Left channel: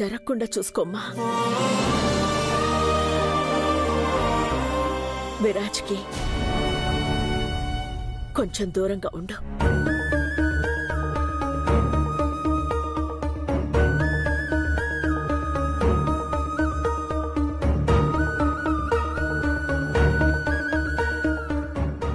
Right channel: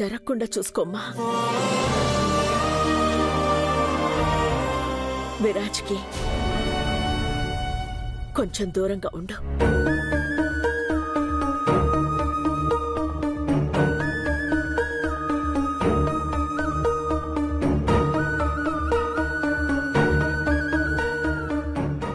జరగకుండా చూసుకోమ్మా. విరాజ్కి కొంచెం దూరంగా ఉండు.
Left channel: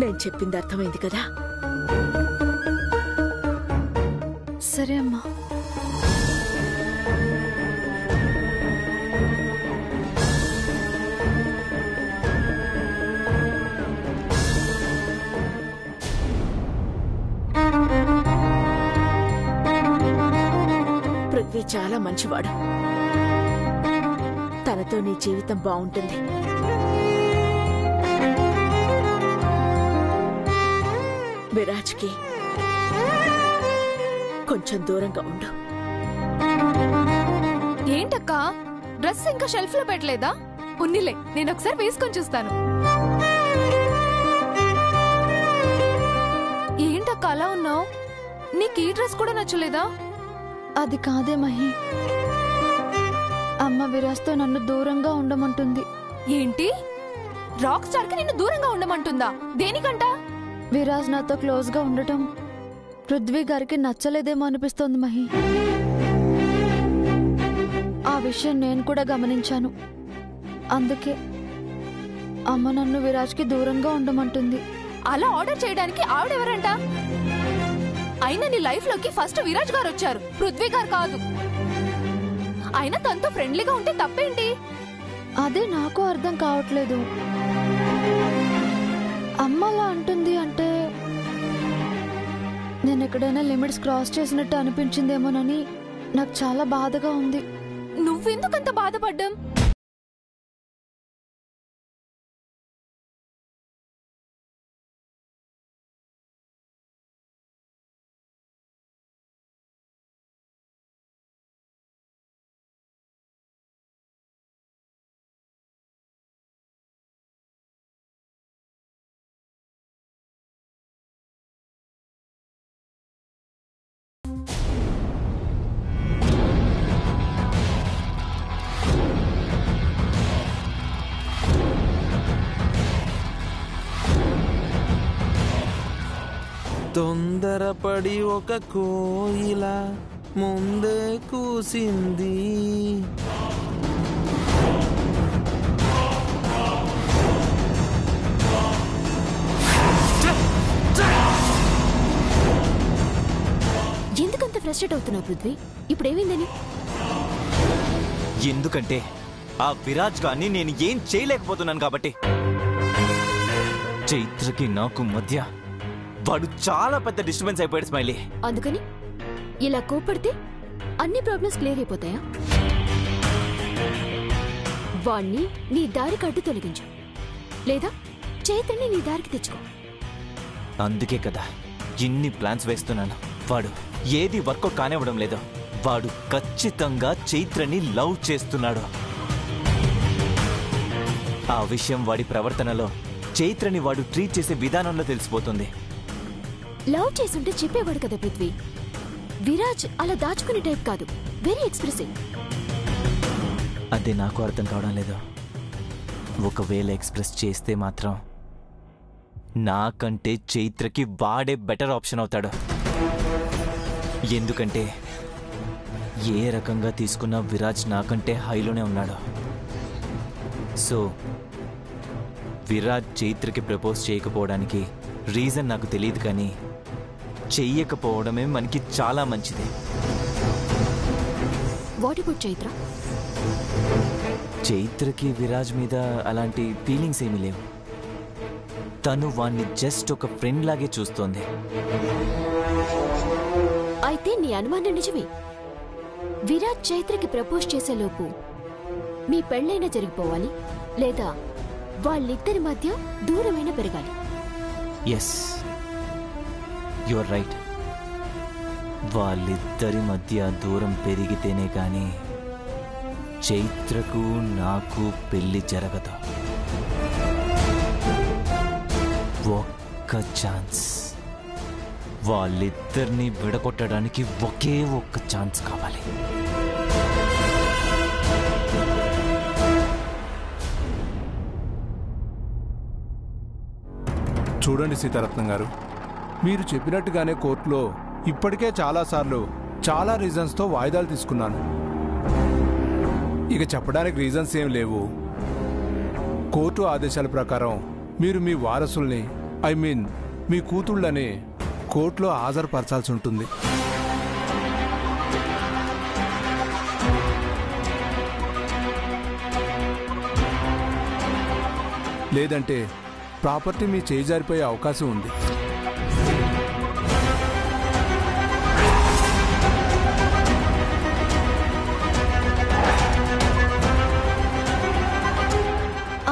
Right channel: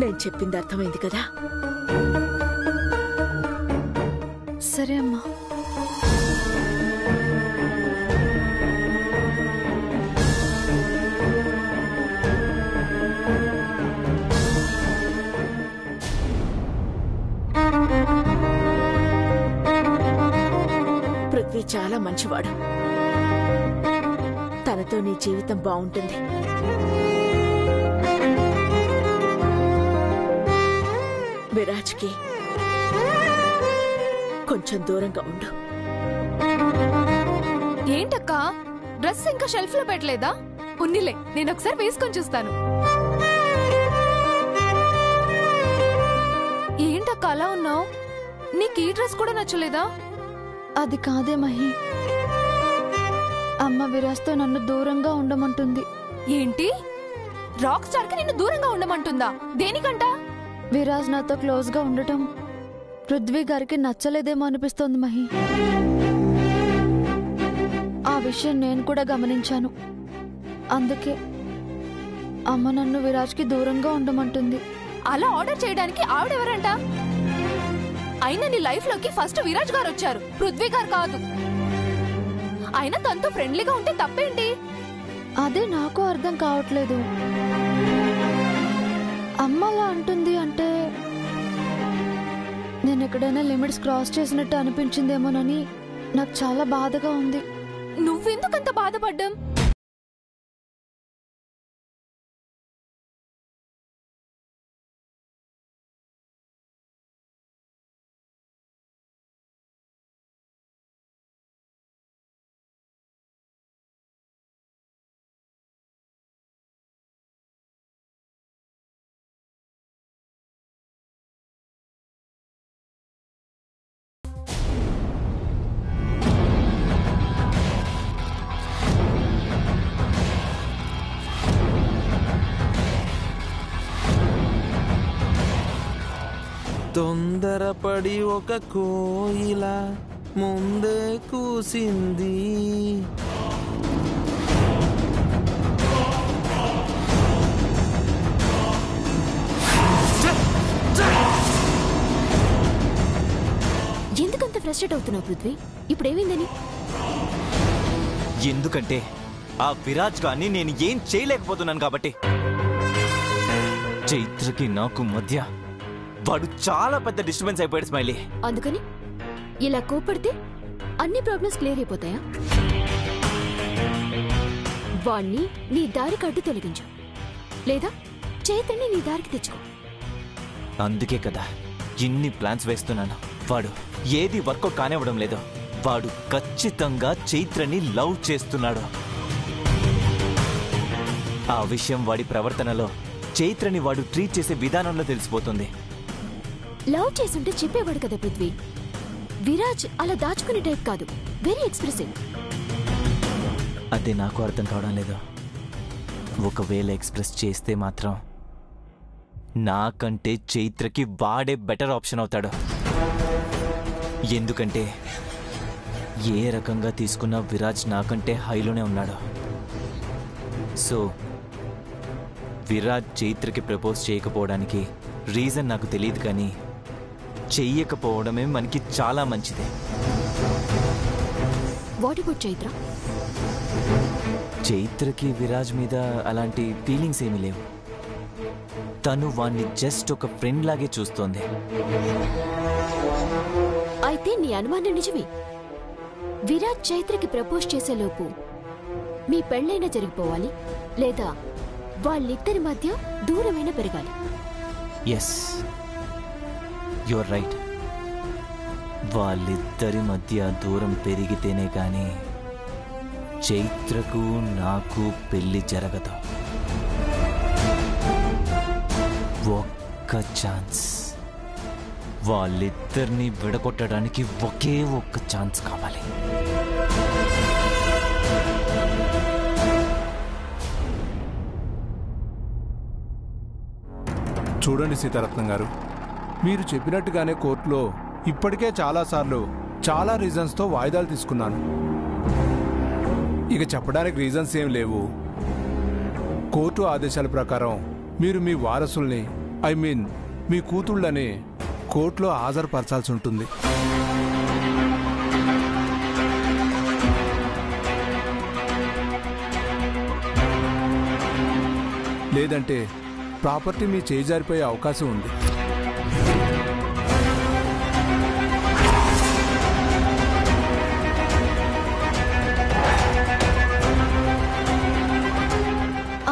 నేను చెప్పింది అర్థమైంది కదా? సరే అమ్మా. పృథ్వీ చాలా మంచివాడు. తనతో నీ జీవితం బాగుంటుంది. విరాజ్కి కొంచెం దూరంగా ఉండు. ఏంటక్కా, డ్రెస్ ఇంకా షెల్ఫ్ లో పెట్టలేదా? ఉన్నిలే, నేను ఒకసారి వేసుకొని చూస్తాను. ఏంటక్క అలా ఉన్నావు? నీకు ఈ డ్రెస్ కూడా నచ్చలేదా? అది కాదే మహి, అమ్మ విరాజ్తో నన్ను దూరంగా ఉండమంటుంది. ఏంటి? రాక్ స్టార్ కి నిన్ను దూరంగా ఉండమంటుందా? దేనికంట? విరాజ్ నాతో క్లోజ్ గా ఉండటం పృథ్వీ గారికి నచ్చలేదేమో అనిపిస్తోంది మహి. ఆ విషయం నేను కూడా గమనించాను. అందుకే అమ్మ నన్ను విరాజ్కి దూరంగా ఉండమంటుంది. అలా ఆర్డర్ చేయడానికి ఆవిడెవరంట? అయినా నీ లైఫ్ లోకి ఫస్ట్ విరాజ్ గారు వచ్చారు, పృథ్వీ గారు కాదు. అయినా తనతో ఫ్రెండ్లీగా ఉంటే తప్పేంటి? అదే నాకు అర్థం కావట్లేదు. అమ్మ అలా అంటుంది అంటే నేను ఎక్కడైనా లిమిట్స్ క్రాస్ చేసినట్టు అనిపించిందేమోనని నాకు చాలా బాధగా ఉంది. నువ్వెందుకంత బాధపడ్డాం? తొందరపడి ఒక కోయిల ముందే కూసింది. ఎందుకంత ఫ్రస్ట్రేట్ అవుతున్నావు పృథ్వీ? ఇప్పుడేమైందని? ఎందుకంటే ఆ విరాజ్ గాన్ని నేను ఏం చేయలేకపోతున్నాను కాబట్టి. చైత్రకి నాకు మధ్య వాడు చాలా పెద్ద డిస్టర్బెన్స్ అయిపోయాడు స్మైలీ. అందుకని ఇలా కోపడితే అన్ని ప్రాబ్లమ్స్ క్లియర్ అయిపోతాయా? వాణ్ణి నీ దారికి అడ్డు తొలగించు, లేదా చైత్రని నీ దారికి తెచ్చుకో. అందుకే కదా ఇన్ని ప్లాన్స్ వేస్తున్నాను. వాడు ఏది వర్కౌట్ కానివ్వడం లేదు. వాడు ఖచ్చితంగా చైత్రని లవ్ చేస్తున్నాడు. ఆ విషయం వాడి ప్రవర్తనలో, చైత్రని వాడు ట్రీట్ చేసే విధానంలో తెలిసిపోతుంది. లవ్ చేసుంటే చెప్పేవాడు కదా పృథ్వీ. విరాజ్ అలా దాచుకునే టైప్ కాదు, వెరీ ఎక్స్ప్రెసివ్. అదే నాకు అర్థం కావడం లేదు. ఒకవేళ ఎక్స్ప్రెస్ చేస్తే మాత్రం నాకంటే చైత్రకి వాడే బెటర్ ఆప్షన్ అవుతాడు. ఎందుకంటే ఏ రకంగా తీసుకున్నా విరాజ్ నాకంటే హైలోనే ఉన్నాడు. సో విరాజ్ చైత్రకి ప్రపోజ్ చేయకపోవడానికి రీజన్ నాకు తెలియదు, కానీ చెయ్యకపోవడమే మనకి చాలా మంచిదే. What about Chaitra? చైత్రకి విరాజ్ మీద అలాంటి ఫీలింగ్స్ ఏమీ లేవు. తను వాణ్ణి జస్ట్ ఒక ఫ్రెండ్ లాగే చూస్తోంది. అయితే నీ అనుమానం నిజమే. విరాజ్ చైత్రకి ప్రపోజ్ చేసేలోపు మీ పెళ్ళైనా జరిగిపోవాలి, లేదా వాళ్ళిద్దరి మధ్య దూరమైనా పెరగాలి. Yes, your right. వాళ్ళిద్దరి మధ్య దూరం పెరిగితేనే కానీ చైత్రకు నాకు పెళ్లి జరగదు. ఒక్క ఛాన్స్, వాళ్ళిద్దరిని విడగొట్టడానికి ఒకే ఒక్క ఛాన్స్ కావాలి. చూడండి సీతారత్నం గారు, మీరు చెప్పినట్టుగానే కోర్టులో ఇప్పటికే చాలాసార్లు చాలా రీజన్స్తో వాయిదాలు తీసుకున్నాను. ఇక చెప్పడానికి రీజన్స్ ఏం లేవు. కోర్టు ఆదేశాల ప్రకారం మీరు మీ వారసుల్ని మీ కూతుళ్ళని కోర్టులో హాజరుపరచాల్సి ఉంటుంది. లేదంటే ప్రాపర్టీ మీ చేయి జారిపోయే అవకాశం ఉంది.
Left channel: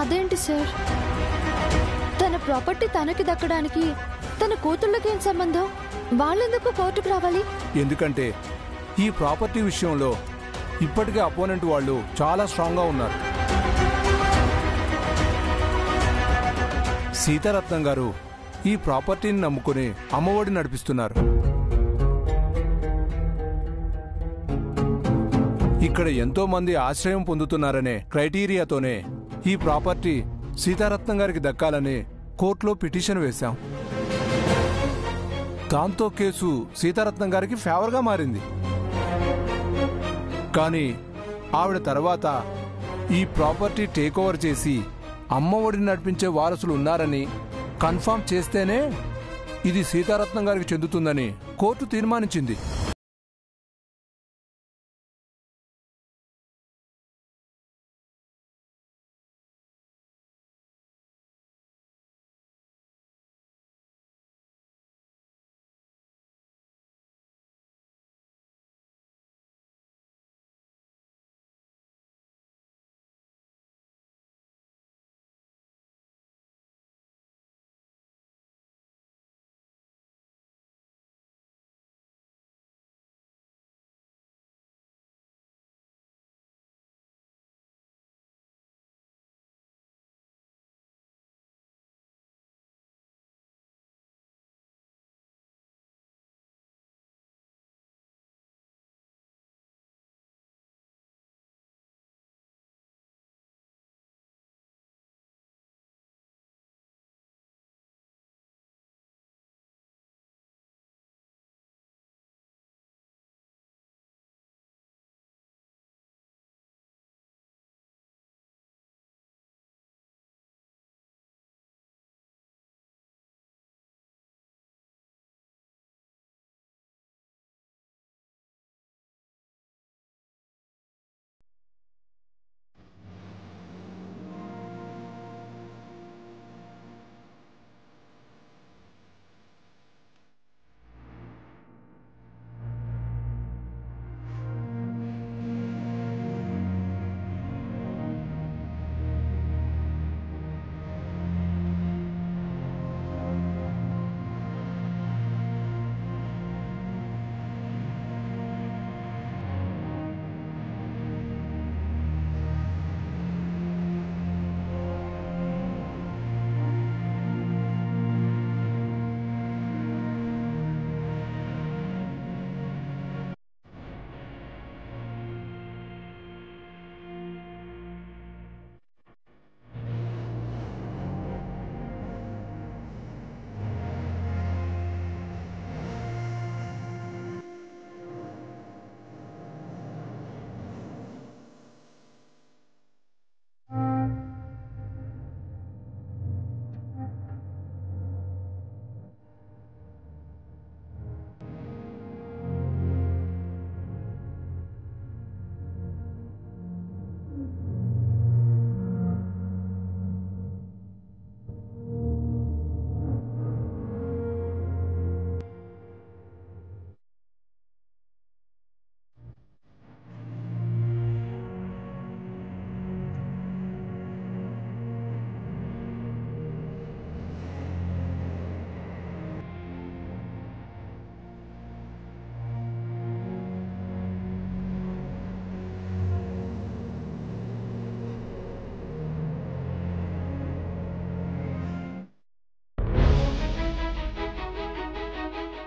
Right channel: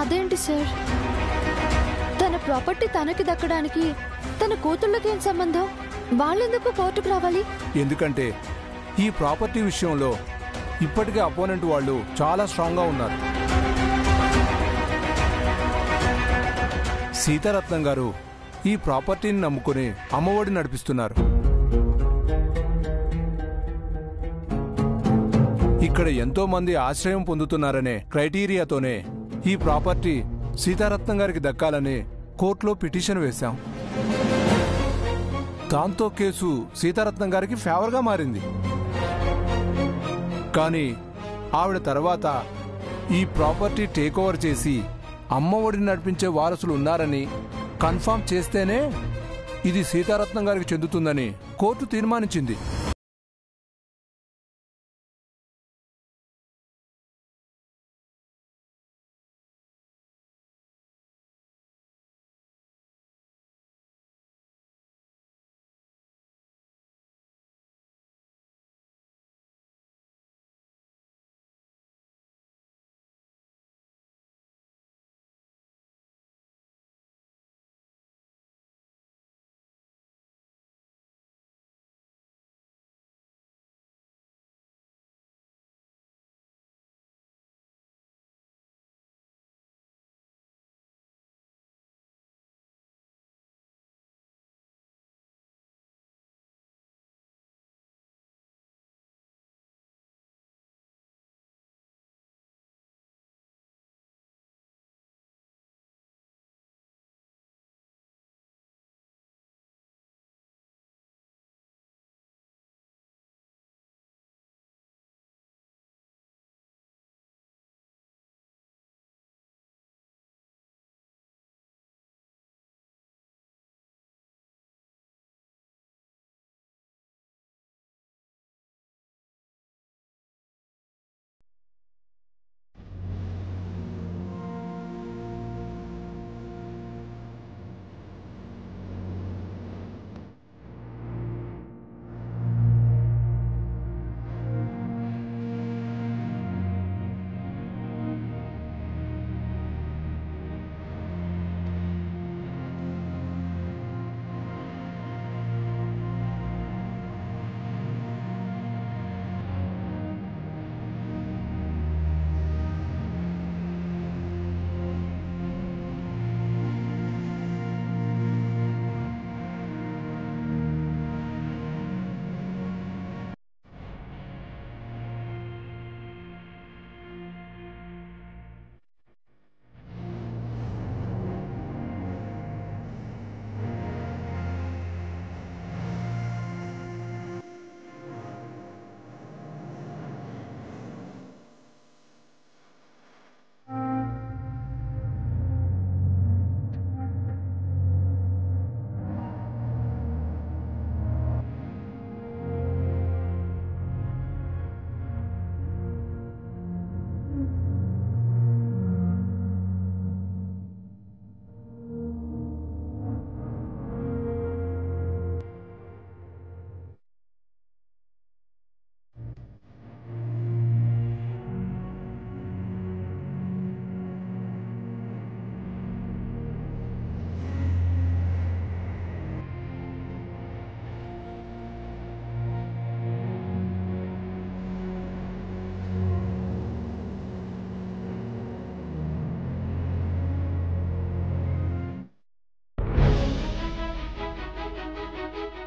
అదేంటి సార్, తన ప్రాపర్టీ తనకి దక్కడానికి తన కూతుళ్ళకేం సంబంధం? వాళ్ళెందుకు కోర్టుకు రావాలి? ఎందుకంటే ఈ ప్రాపర్టీ విషయంలో ఇప్పటికే అపోనెంట్ వాళ్ళు చాలా స్ట్రాంగ్గా ఉన్నారు. సీతారత్నం గారు ఈ ప్రాపర్టీని నమ్ముకుని అమ్మఒడి నడిపిస్తున్నారు. ఇక్కడ ఎంతో మంది ఆశ్రయం పొందుతున్నారనే క్రైటీరియాతోనే ఈ ప్రాపర్టీ సీతారత్నం గారికి దక్కాలని కోర్టులో పిటిషన్ వేశాం. దాంతో కేసు సీతారత్నం గారికి ఫేవర్గా మారింది. కానీ ఆవిడ తర్వాత ఈ ప్రాపర్టీ టేక్ ఓవర్ చేసి అమ్మఒడిని నడిపించే వారసులు ఉన్నారని కన్ఫర్మ్ చేస్తేనే ఇది సీతారత్నం గారికి చెందుతుందని కోర్టు తీర్మానించింది.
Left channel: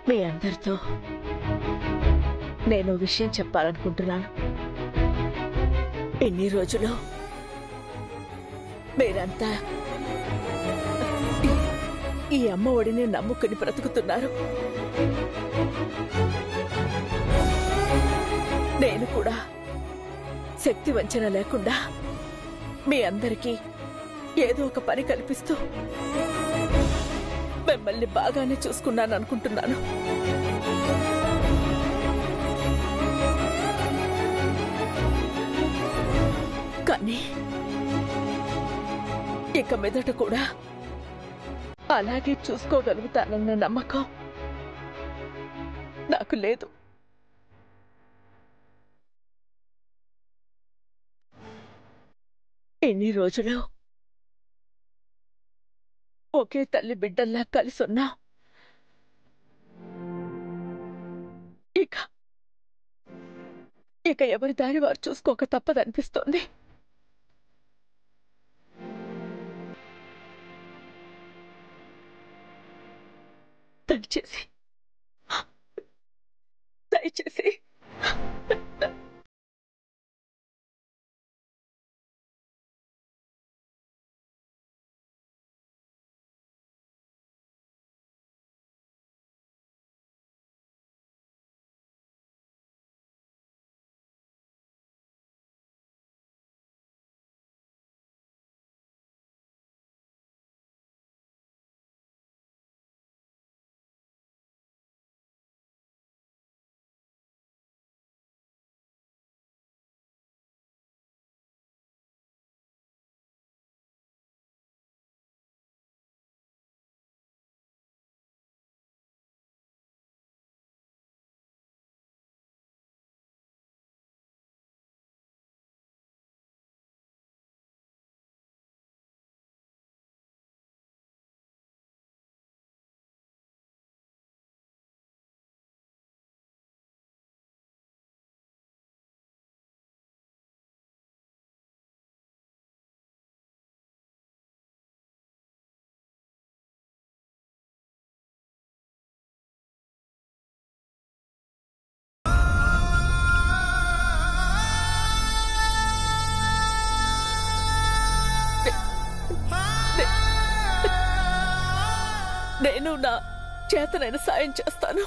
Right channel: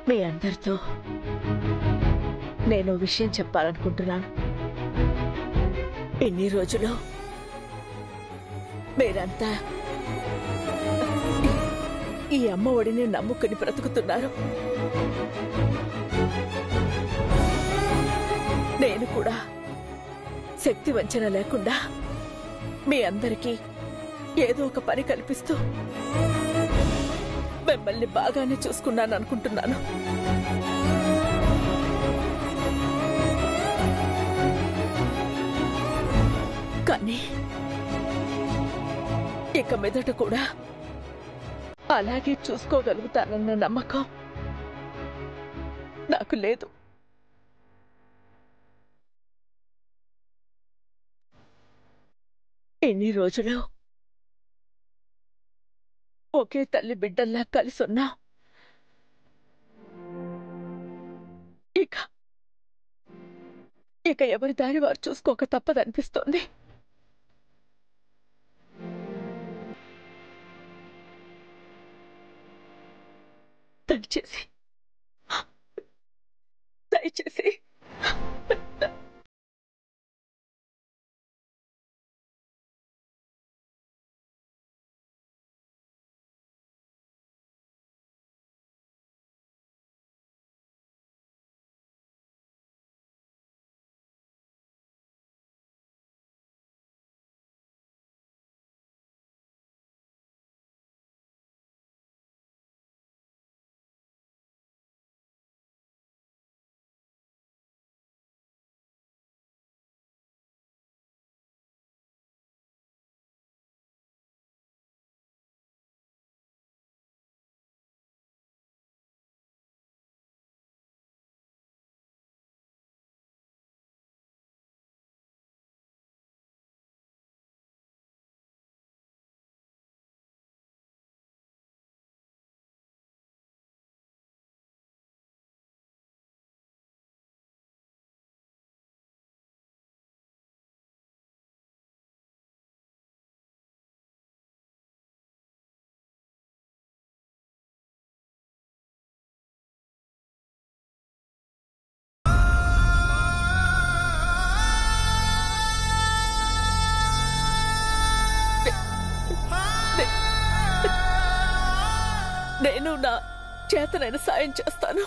మీ అందరితో నేను విషయం చెప్పాలనుకుంటున్నాను. ఇన్ని రోజులు మీరంతా ఈ అమ్మ ఒడిని నమ్ముకుని బ్రతుకుతున్నారు. నేను కూడా శక్తి వంచన లేకుండా మీ అందరికీ ఏదో ఒక పని కల్పిస్తూ మిమ్మల్ని బాగానే చూసుకున్నాను అనుకుంటున్నాను. కానీ ఇక మీదట కూడా అలాగే చూసుకోగలుగుతానన్న నమ్మకం నాకు లేదు. ఎన్ని రోజులు ఒకే తల్లి బిడ్డల్లా కలిసి ఉన్నా ఇక ఎవరి దారి వారు చూసుకోక తప్పదనిపిస్తోంది. దయచేసి నేను నా చేతనైన సాయం చేస్తాను.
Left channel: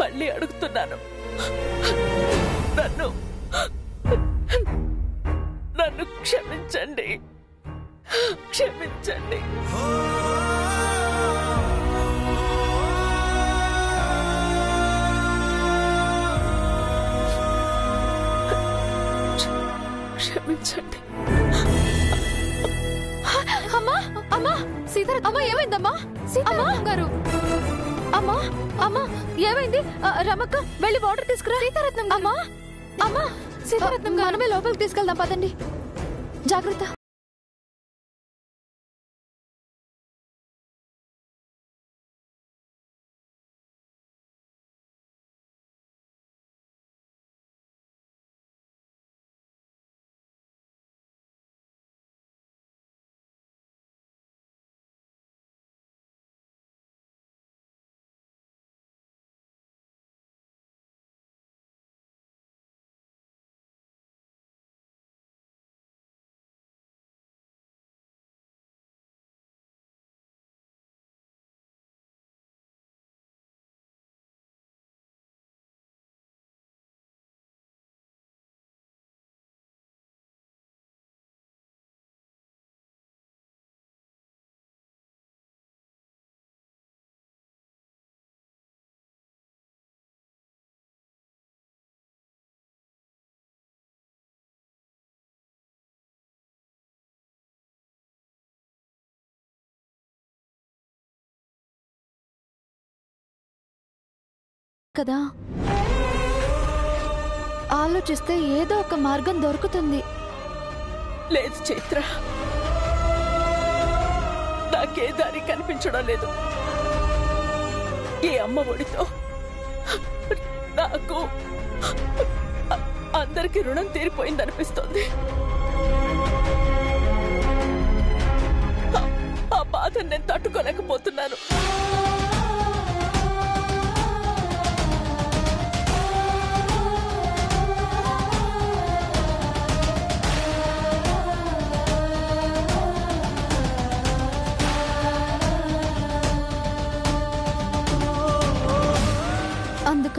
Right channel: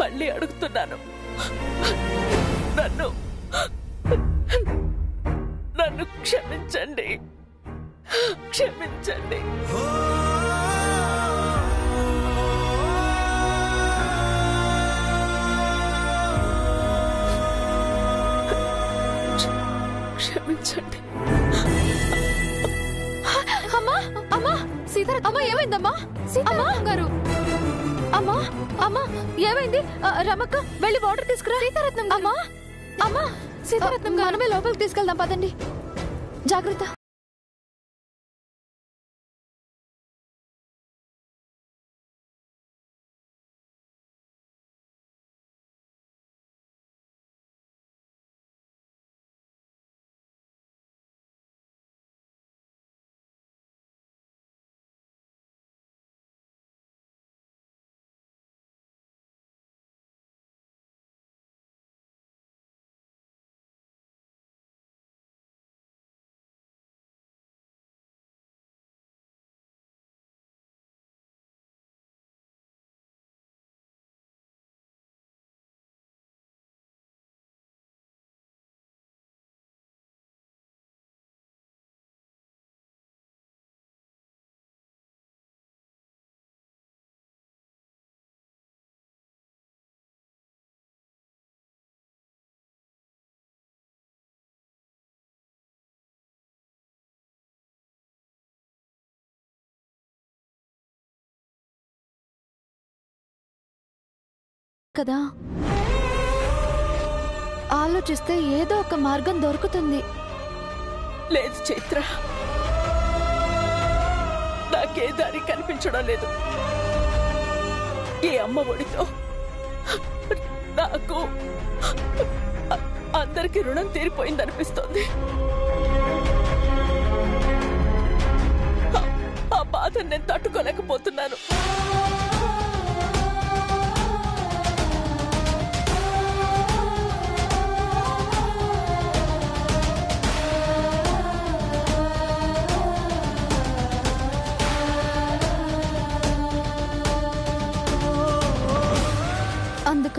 మళ్ళీ అడుగుతున్నాను, నన్ను క్షమించండి, క్షమించండి. క్షమించండి. అమ్మా అమ్మా సీతారత్నం అమ్మా ఏమైందమ్మా? సీతారత్నం గారు అమ్మా అమ్మా ఏమైంది? రమక్క వెళ్ళి వాటర్ తీసుకురా. సీతారత్నం అమ్మా అమ్మా సీతారత్నం మనమే లోపలికి తీసుకెళ్దాం పదండి. జాగ్రత్త. కదా ఆలోచిస్తే ఏదో ఒక మార్గం దొరుకుతుంది. లేదు చైత్ర, నాకే దారి కనిపించడం లేదు. ఈ అమ్మ ఒడితో నాకు అందరికీ రుణం తీరిపోయిందనిపిస్తోంది. ఆ బాధను నేను తట్టుకోలేకపోతున్నాను.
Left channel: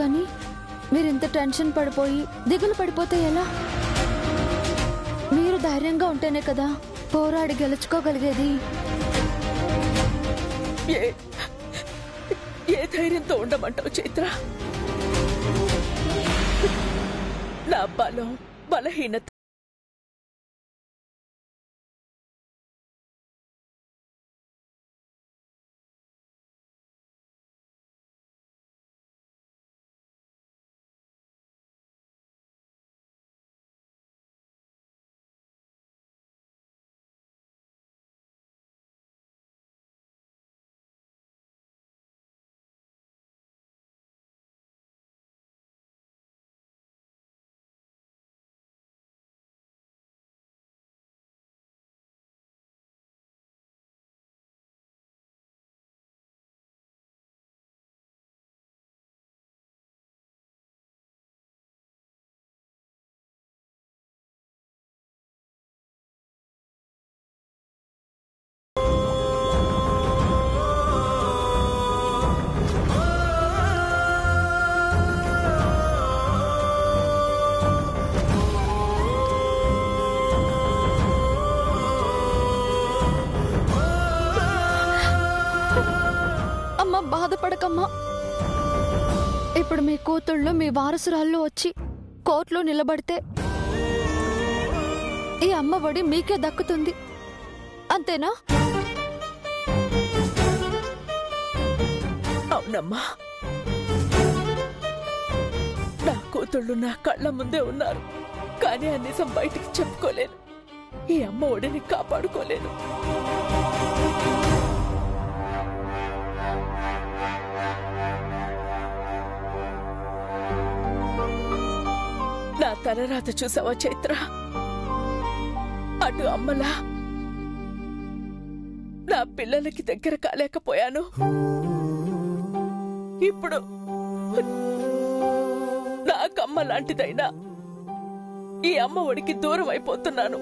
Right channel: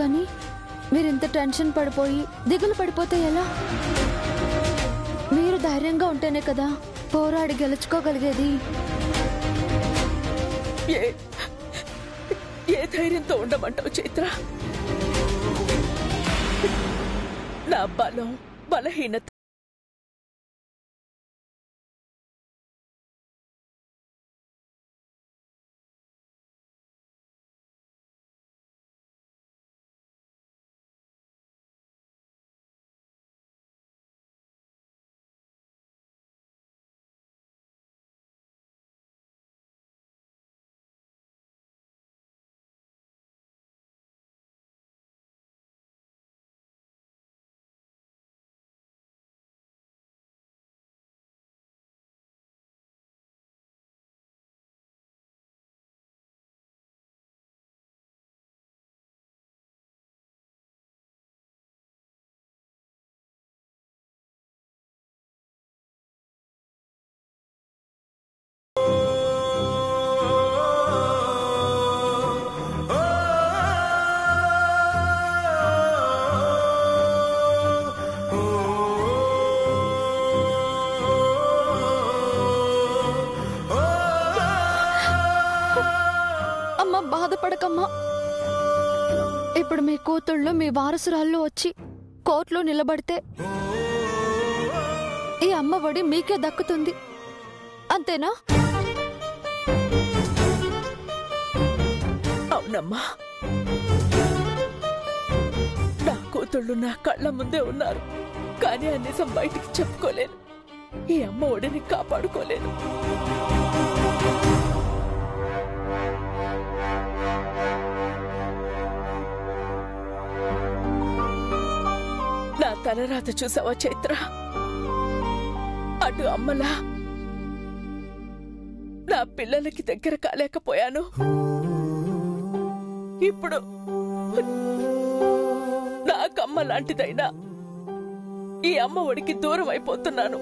కానీ మీరింత టెన్షన్ పడిపోయి దిగులు పడిపోతే ఎలా? మీరు ధైర్యంగా ఉంటేనే కదా పోరాడి గెలుచుకోగలిగేది. ఏ ధైర్యంతో ఉండమంటావు చైత్ర? నా బలం బలహీనత బాధపడకమ్మా. ఇప్పుడు మీ కూతుళ్ళు మీ వారసురాళ్ళు వచ్చి కోర్టులో నిలబడితే ఈ అమ్మ ఒడి మీకే దక్కుతుంది, అంతేనా? అవునమ్మా, నా కూతుళ్ళు నా కళ్ళ ముందే ఉన్నారు. కానీ ఆ నిజం బయటికి చెప్పుకోలేను. ఈ అమ్మ ఒడిని కాపాడుకోలేను. నా తలరాత చూసావా చైత్ర? అటు అమ్మలా నా పిల్లలకి దగ్గర కాలేకపోయాను. ఇప్పుడు నాకమ్మ లాంటిదైనా ఈ అమ్మ ఒడికి దూరం అయిపోతున్నాను.